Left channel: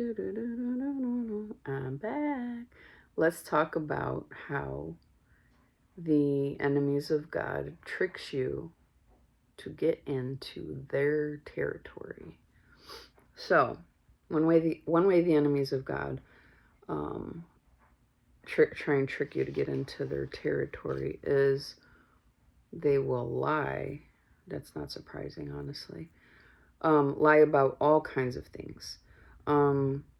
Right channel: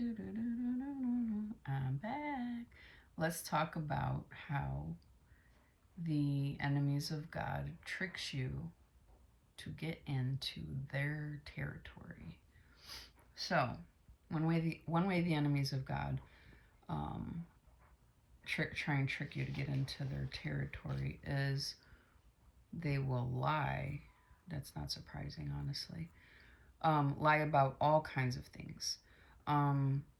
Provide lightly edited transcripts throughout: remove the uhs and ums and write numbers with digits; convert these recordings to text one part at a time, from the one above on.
I'm back. Let's talk about how the enemies of God tricks you to get into their territory. So, one way the enemies of God try and trick you to get into their territory is they will lie. That's not surprising, honestly. Lie about all kinds of things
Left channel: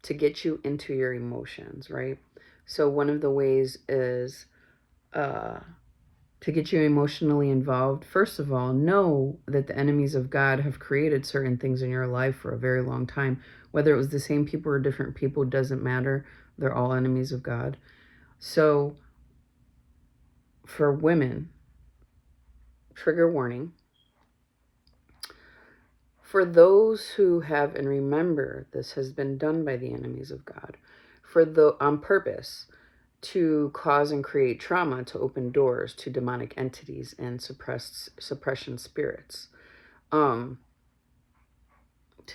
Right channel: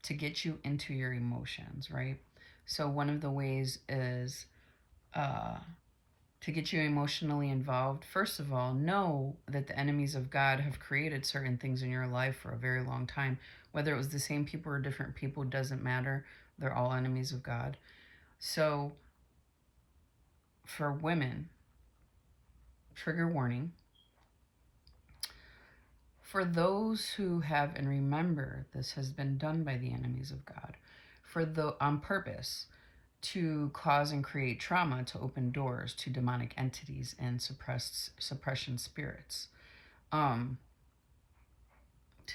to get you into your emotions, right? So one of the ways is to get you emotionally involved. First of all, know that the enemies of God have created certain things in your life for a very long time. Whether it was the same people or different people, doesn't matter. They're all enemies of God. So for women, trigger warning. For those who have, and remember, this has been done by the enemies of God, on purpose, to cause and create trauma, to open doors to demonic entities and suppression spirits. To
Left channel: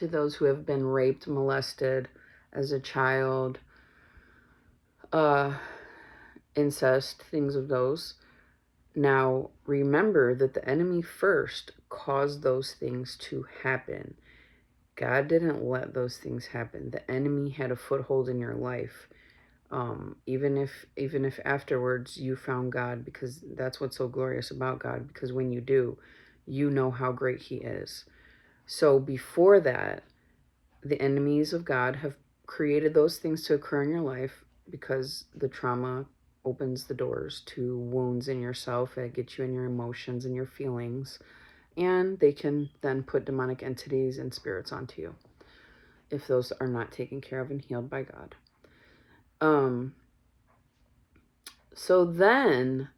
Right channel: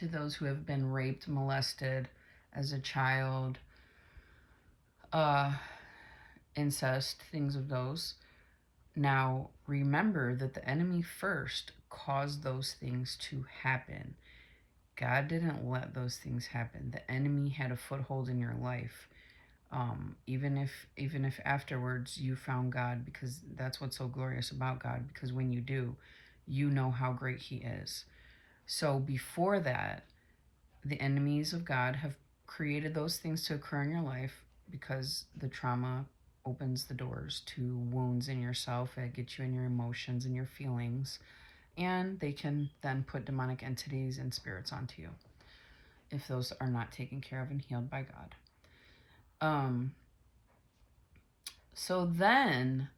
those who have been raped, molested as a child, incest, things of those. Now, remember that the enemy first caused those things to happen. God didn't let those things happen. The enemy had a foothold in your life. Even if afterwards you found God, because that's what's so glorious about God, because when you do, you know how great he is. So before that, the enemies of God have created those things to occur in your life because the trauma opens the doors to wounds in yourself that get you in your emotions and your feelings, and they can then put demonic entities and spirits onto you if those are not taken care of and healed by God. So then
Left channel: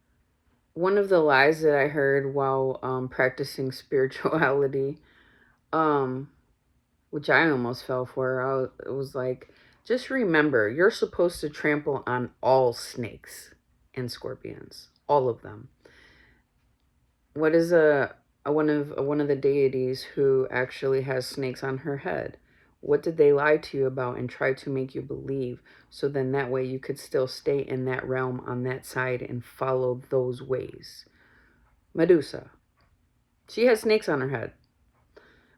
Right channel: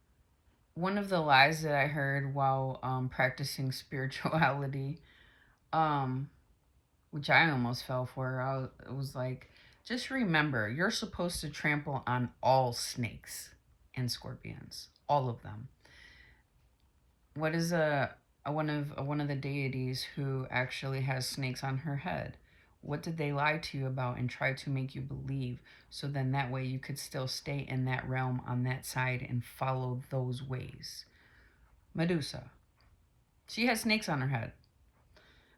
one of the lies that I heard while practicing spirituality, which I almost fell for, it was like, just remember, you're supposed to trample on all snakes and scorpions, all of them. What is one of the deities who actually has snakes on her head? What did they lie to you about and try to make you believe? So then that way you could still stay in that realm on that side and follow those ways. Medusa. She has snakes on her head.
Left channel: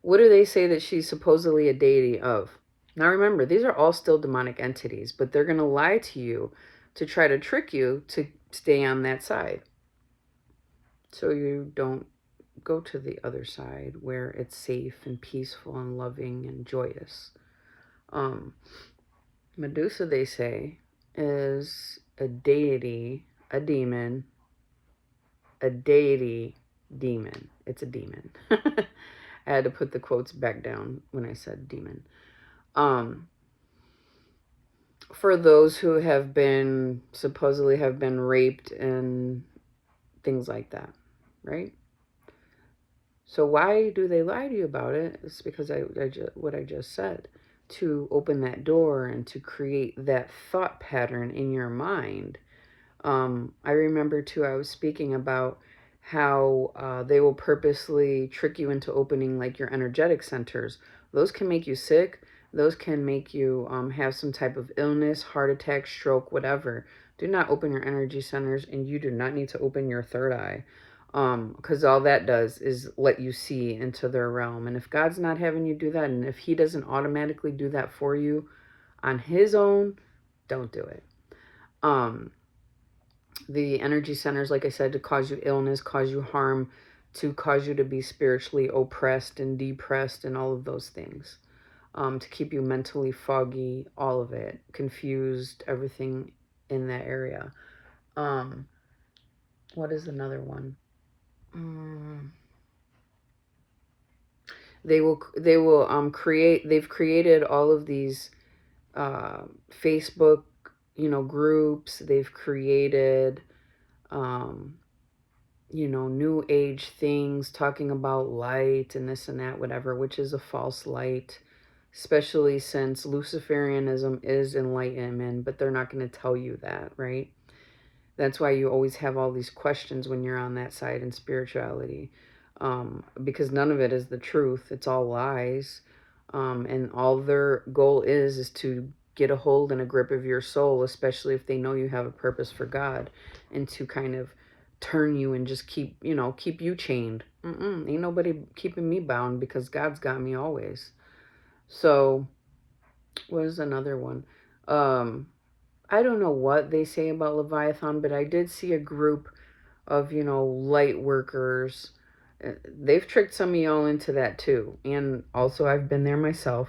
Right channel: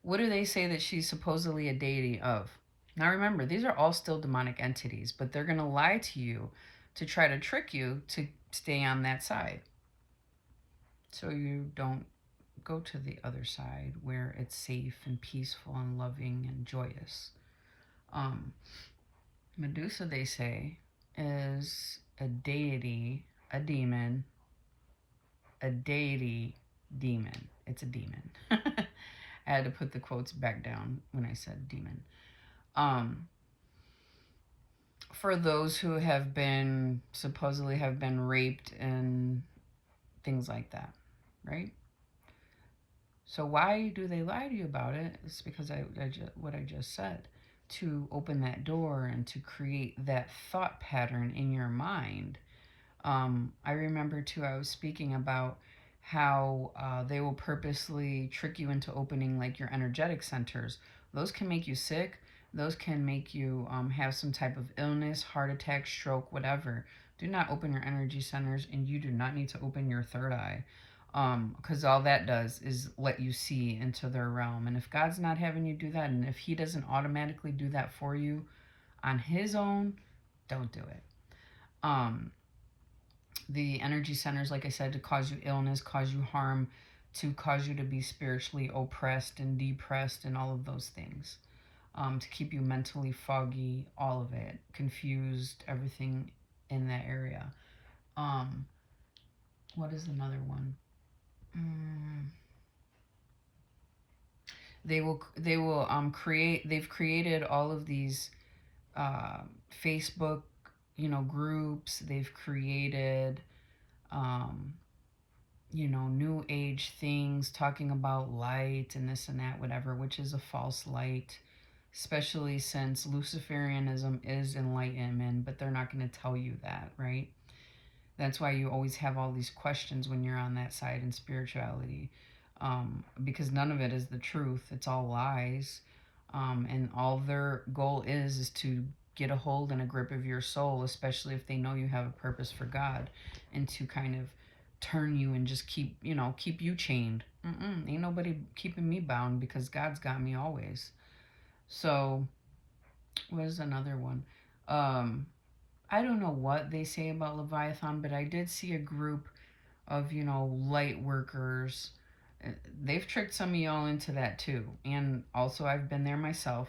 What do they say that she's supposedly a deity of? Now remember, these are all still demonic entities, but they're going to lie to you to try to trick you to stay on that side. So you don't go to the other side where it's safe and peaceful and loving and joyous. Medusa, they say, is a deity, a demon, a deity demon. It's a demon. I had to put the quotes back down when I said demon. For those who have been, supposedly have been raped and things like that, right? So why do they lie to you about it? It's because what I just said, to open that door and to create that thought pattern in your mind. I remember too, I was speaking about how they will purposely trick you into opening like your energetic centers. Those can make you sick. Those can make you have some type of illness, heart attack, stroke, whatever. Do not open your energy centers, and you do not need to open your third eye, because all that does is let you see into their realm. And if God's not having you do that, and if he doesn't automatically do that for you on his own, don't do it. The energy centers, like I said, to cause you illness, cause you harm, to cause you to be spiritually oppressed and depressed and all of those things. To keep you mentally foggy, all of it, confused, everything in that area. What is another one? They've created all of these Facebook, groups. They've created new age things talking about light and this and that, whatever, which is a false light, especially since Luciferianism is enlightenment, but they're not going to tell you that, right? That's why you always have all these questions when you're on that side in spirituality, because none of it is the truth. It's all lies. And all their goal is to get a hold and a grip of your soul, especially if they know you have a purpose for God, and to kind of turn you and just keep you chained. Ain't nobody keeping me bound, because God's got me always. So what is another one? I don't know what they say about Leviathan, but I did see a group of, light workers. They've tricked some of y'all into that too. And also, I've been there myself,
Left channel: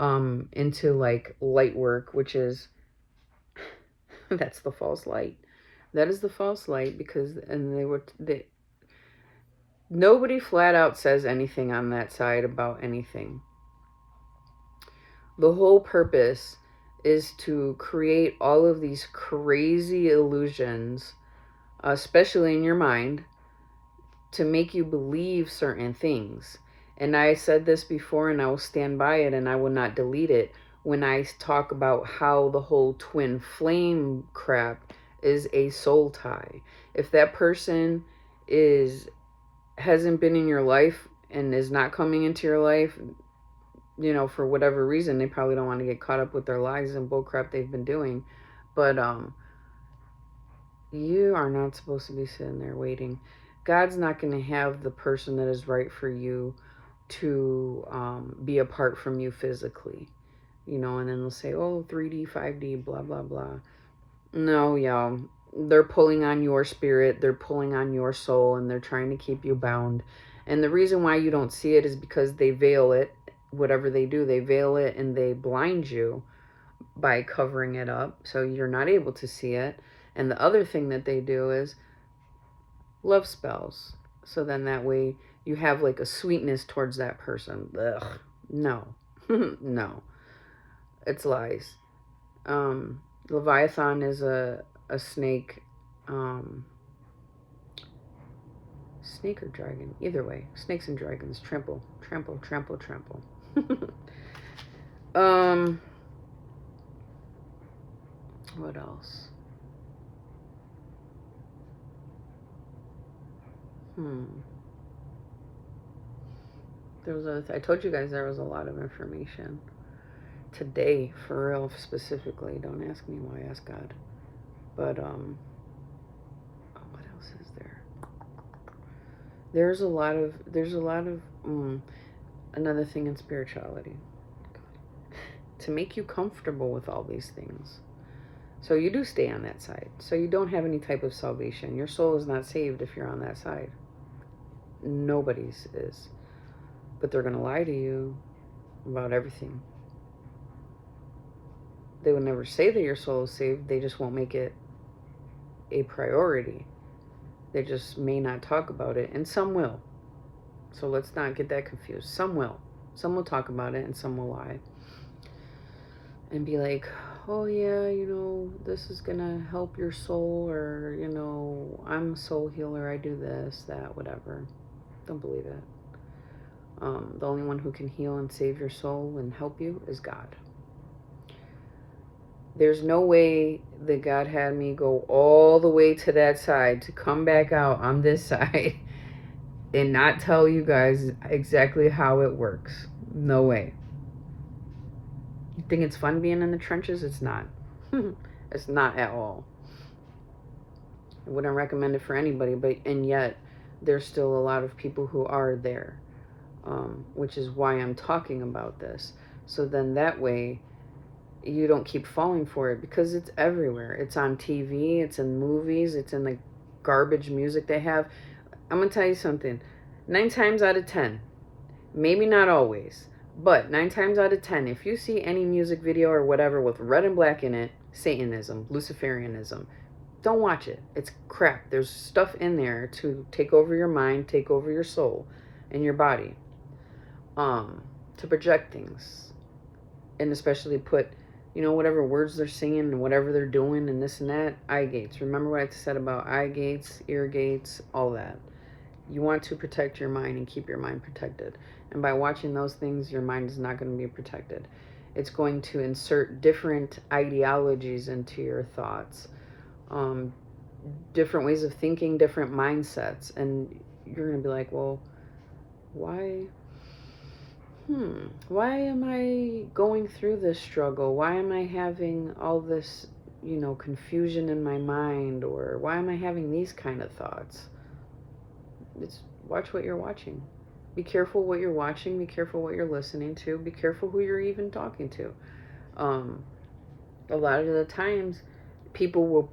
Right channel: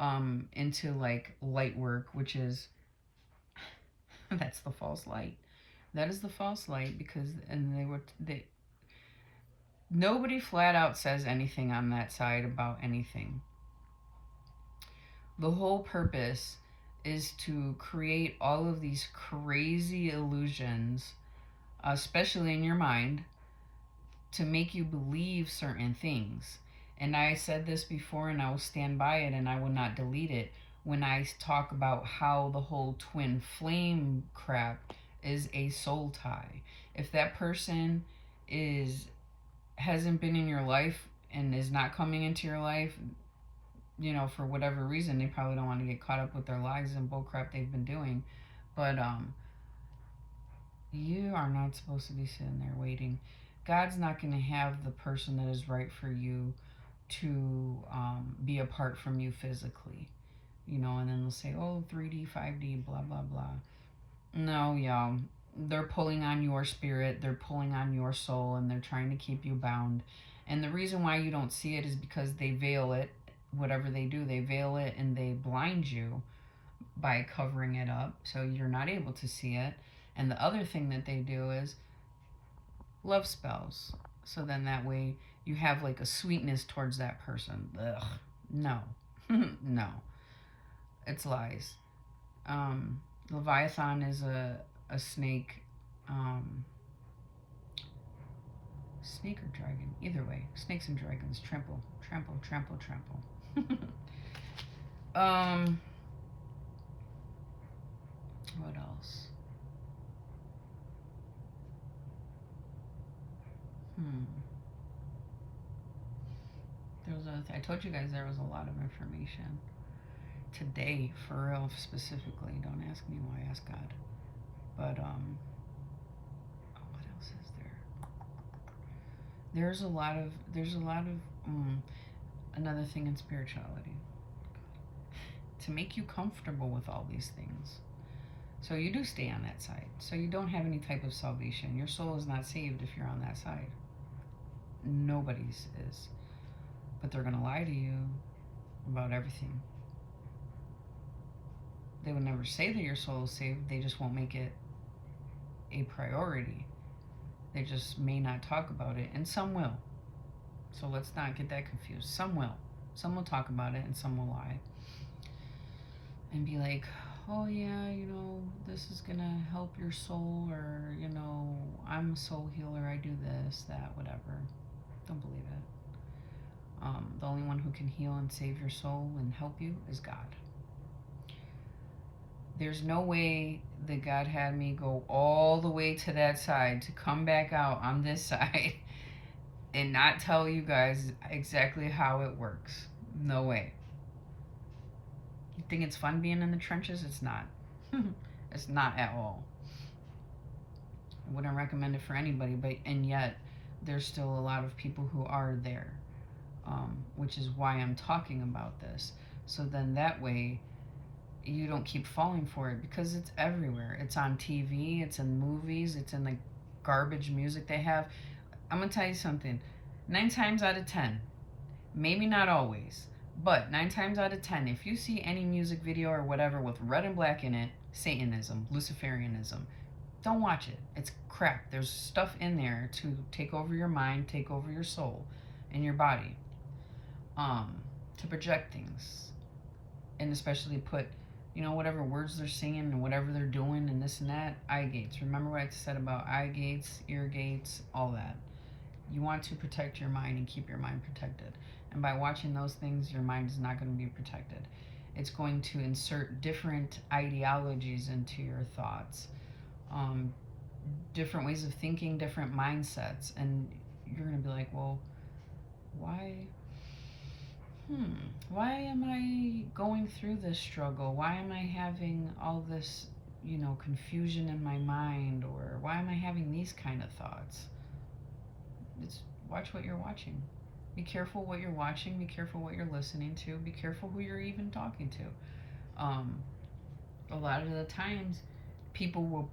into like light work, which is, that's the false light. That is the false light, because, and nobody flat out says anything on that side about anything. The whole purpose is to create all of these crazy illusions, especially in your mind, to make you believe certain things. And I said this before, and I will stand by it, and I will not delete it, when I talk about how the whole twin flame crap is a soul tie. If that person hasn't been in your life and is not coming into your life, for whatever reason, they probably don't want to get caught up with their lies and bullcrap they've been doing. But you are not supposed to be sitting there waiting. God's not going to have the person that is right for you to be apart from you physically, and then they'll say, oh, 3D, 5D, blah, blah, blah. No, y'all. They're pulling on your spirit, they're pulling on your soul, and they're trying to keep you bound. And the reason why you don't see it is because they veil it. Whatever they do, they veil it, and they blind you by covering it up, so you're not able to see it. And the other thing that they do is love spells. So then that way you have like a sweetness towards that person. Ugh. No. No. It's lies. Leviathan is a snake. Snake or dragon. Either way. Snakes and dragons. Trample. Trample. Trample. Trample. What else? There was I told you guys there was a lot of information today, for real, specifically. Don't ask me why, ask God. But what else is there? There's a lot of another thing in spirituality, to make you comfortable with all these things. So you do stay on that side. So you don't have any type of salvation. Your soul is not saved if you're on that side. Nobody's is. But they're going to lie to you about everything. They will never say that your soul is saved. They just won't make it a priority. They just may not talk about it. And some will. So let's not get that confused. Some will. Some will talk about it, and some will lie. And be like, oh yeah, this is gonna help your soul, or, I'm a soul healer, I do this, that, whatever. Don't believe it. The only one who can heal and save your soul and help you is God. There's no way that God had me go all the way to that side to come back out on this side and not tell you guys exactly how it works. No way. You think it's fun being in the trenches? It's not. It's not at all. I wouldn't recommend it for anybody, and yet there's still a lot of people who are there, which is why I'm talking about this. So then that way you don't keep falling for it, because it's everywhere. It's on TV, it's in movies, it's in the garbage music they have. I'm going to tell you something. 9 times out of 10, maybe not always, but 9 times out of 10, if you see any music video or whatever with red and black in it, Satanism, Luciferianism, don't watch it. It's crap. There's stuff in there to take over your mind, take over your soul and your body, to project things, and especially put, whatever words they're singing and whatever they're doing and this and that, eye gates. Remember what I said about eye gates, ear gates, all that. You want to protect your mind and keep your mind protected. And by watching those things, your mind is not going to be protected. It's going to insert different ideologies into your thoughts, different ways of thinking, different mindsets. And you're going to be like, well, why? why am I going through this struggle? Why am I having all this, confusion in my mind? Or why am I having these kind of thoughts? It's watch what you're watching. Be careful what you're watching. Be careful what you're listening to. Be careful who you're even talking to. A lot of the times, people will,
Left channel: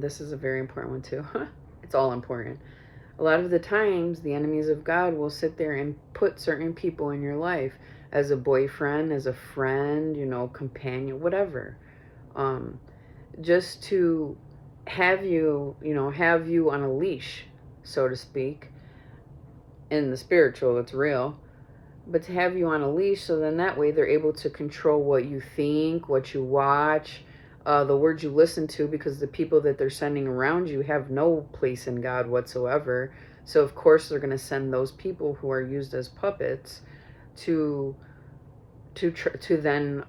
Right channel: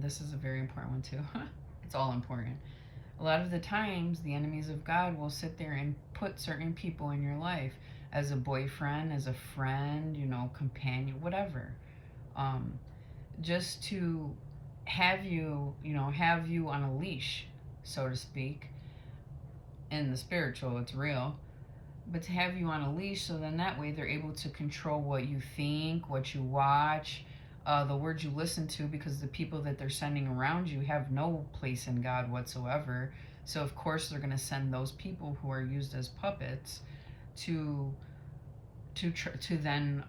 this is a very important one too. It's all important. A lot of the times, the enemies of God will sit there and put certain people in your life as a boyfriend, as a friend, companion, whatever. Just to have you, have you on a leash, so to speak. In the spiritual, it's real. But to have you on a leash, so then that way they're able to control what you think, what you watch, the words you listen to, because the people that they're sending around you have no place in God whatsoever. So of course they're going to send those people who are used as puppets to then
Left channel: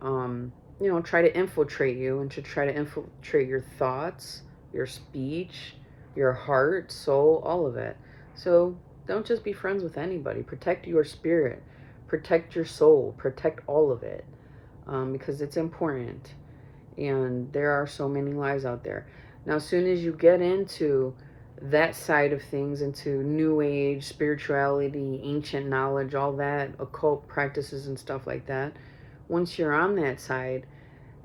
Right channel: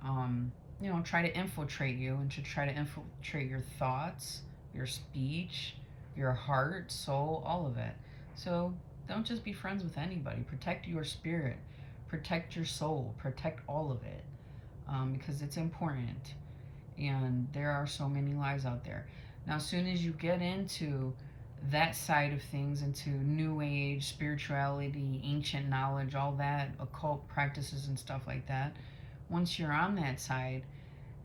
try to infiltrate you, and to try to infiltrate your thoughts, your speech, your heart, soul, all of it. So don't just be friends with anybody. Protect your spirit, protect your soul, protect all of it, because it's important. And there are so many lies out there. Now, as soon as you get into that side of things, into new age, spirituality, ancient knowledge, all that, occult practices and stuff like that, once you're on that side,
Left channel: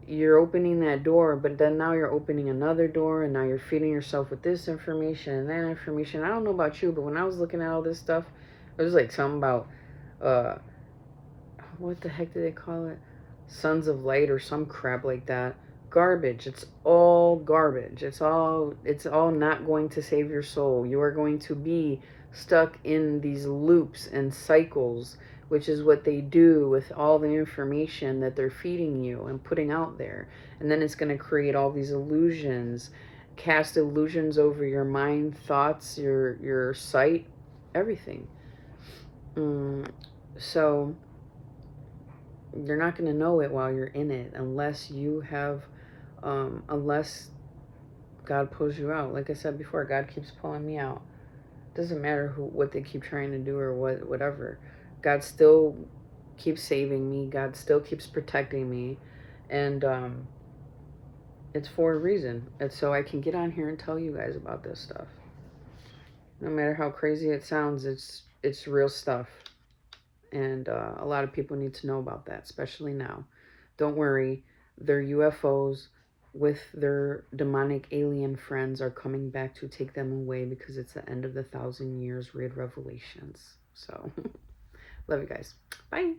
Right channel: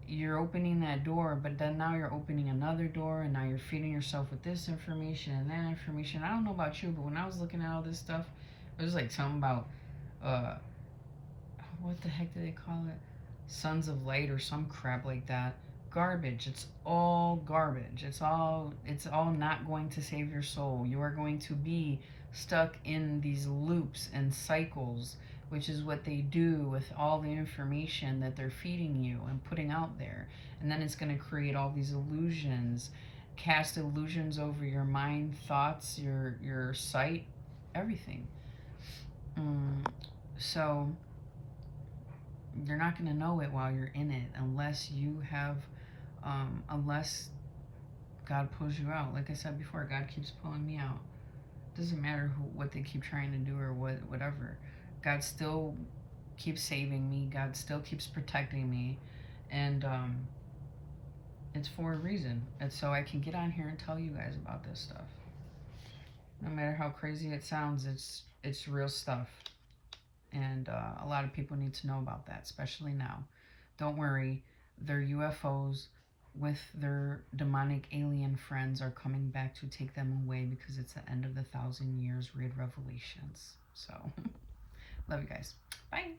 you're opening that door, but then now you're opening another door, and now you're feeding yourself with this information and that information. I don't know about you, but when I was looking at all this stuff, it was like something about, what the heck do they call it? Sons of Light or some crap like that. Garbage. It's all garbage. It's all not going to save your soul. You are going to be stuck in these loops and cycles, which is what they do with all the information that they're feeding you and putting out there. And then it's going to create all these illusions, cast illusions over your mind, thoughts, your sight, everything. So you're not going to know it while you're in it, unless you have unless God pulls you out. Like I said before, God keeps pulling me out. Doesn't matter what they keep trying to do or whatever. God still keeps saving me. God still keeps protecting me, and it's for a reason. It's so I can get on here and tell you guys about this stuff. No matter how crazy it sounds, it's real stuff, and a lot of people need to know about that, especially now. Don't worry, their UFOs with their demonic alien friends are coming back to take them away, because it's the end of the 1,000 years. Read Revelations. So love you guys. Bye.